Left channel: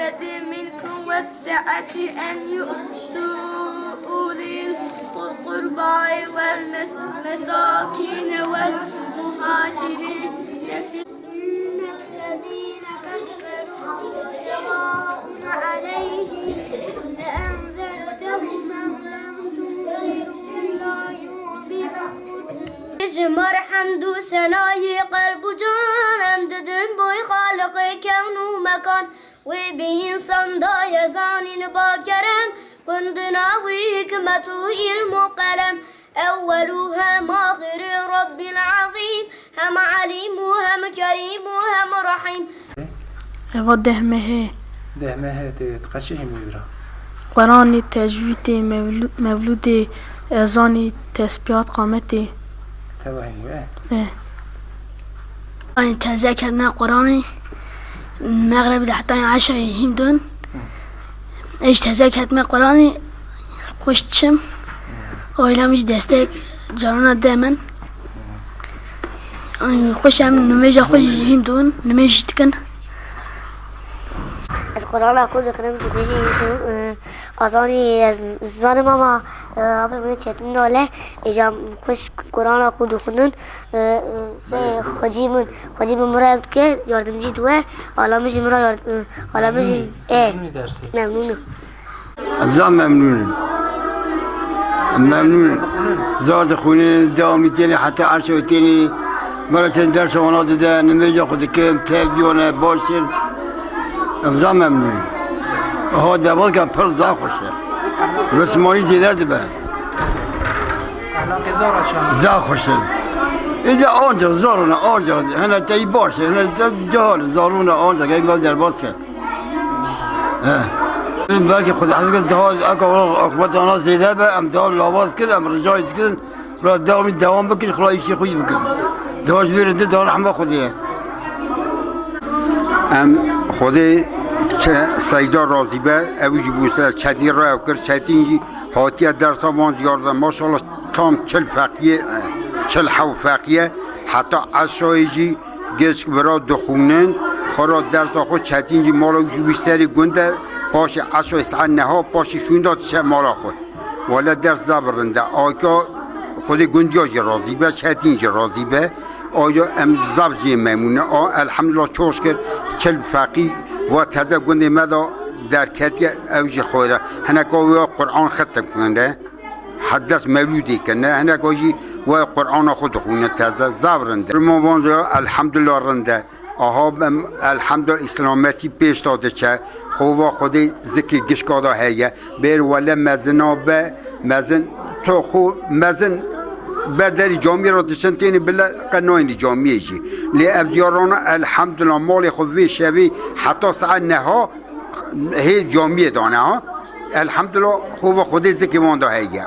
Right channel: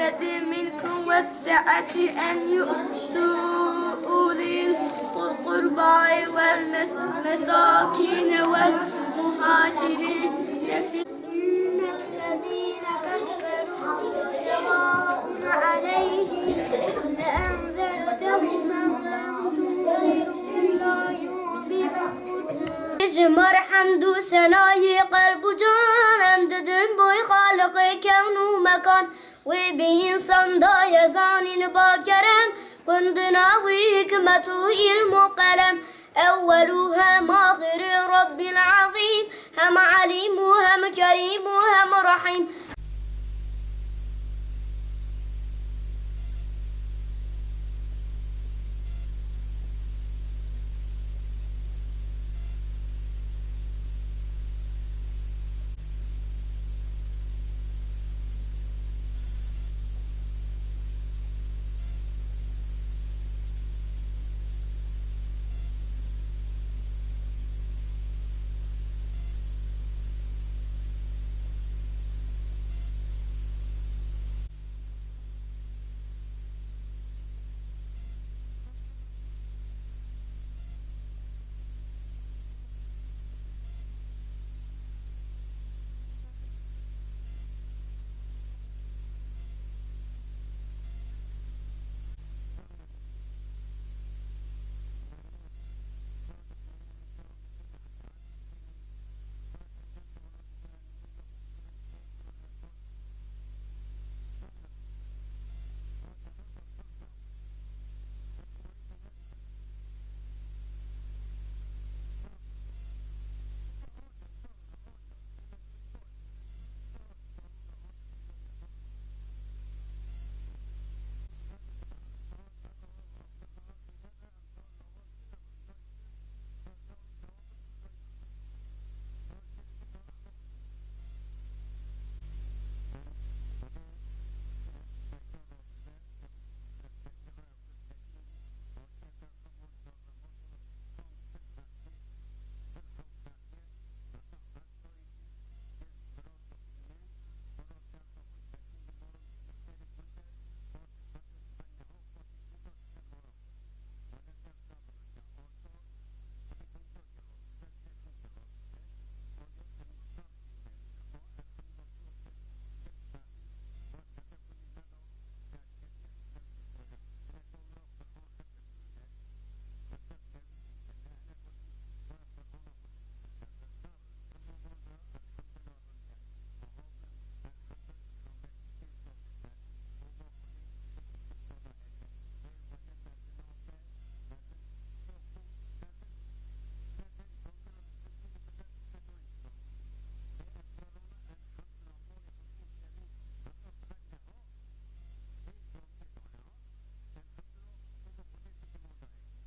الفضل منكم والسعة أن يؤتوا أولي القربى والمساكين والمهاجرين إن الذين كفروا سواء عليهم أأنذرتهم أم لم تنذرهم لا يؤمنون. جمر حمد و سنای قلب و جانم ددن بوی خالق کون و مکان و به انسان دای زانین با کرم قندنا و حکمت و علم و قلم اولو هم آخر رب العظیم هم علیم و هم کریم و هم رحیم. و دهمه تقشه میبرا قرآن تجوید مولود ازانی تسبیحات قامتی توهیم يعني تذاكرنا قرآني المغرب لحتى عشاء هندون ايش تذاكرت من قرآني خوشتشم وإلا مش دستك جارانا دائما خوشم نميجا خوش هندون نميج تكن از قرآن خود خودم بيجي أظاني زان ماما أبي من چتن داله إجا خوش قرآن خود خودن سه خواجی من مرا که یاردم جید و عالمش مرا یارد عالمش ممنونم. ابزام ممنون زاد خونه دامی تینی حتی عرشه تینی مرا چند درس وانا داده نمیجا خود که تربیونه باشین ابزام ممنون ها دوال کن پر زا خوشه رسمانی زیده دبه زا خوشه اینجا آنجا زارونه آنجا هنه تایی باشه هنه جهال زارونه آنجا که اقبال در باز کرد بلکه خود حضرت دهال اقوات آنها زیده به ام دهال لاواز کرد ام رجایت کرد را دوام بکن خلا ایشی خوی بکن دهاش بیرنده دهال همه خودیه ام خودی که سیدا راضی به اوجی بوسه چدی را کرد چدی هاتیه درس آمان زیارده ماشاءالله تام چل فقیه چل حو فقیه حتی عشایجی گشک برا دخونن خورا درس خود چدینجی مالا بیشتری گنده باشه عشای سعن نها باشه شونداد چه مالا خود ولی درس زبرنده آیا خود گندیاجی راضی به چدینجی راضی به آیا ام زبجی میمونه الحمدلله چوش کرد چل فقی و تازه گنده مدا در کتی اوج خوره هنگاه قرآن ختم کننده حدث مولودی کنه هنگاهی و قرآن خود خونه تازه زبرنده موانزا الحمدلله رنده آها الحمدلله اسلامتی پیش داده چه خواه خودی ذکی گشکادا هیه بیر ولی مزنا به مزن تو خو مزن برداری جامعه را داشتن تینی بلا قناینی جامعه جی لی افزیاران الحمدلله مال خوی شوی حتی ساعت نها هی جامعه دانه ها الحمدلله خوب خودی زکی مانده هیه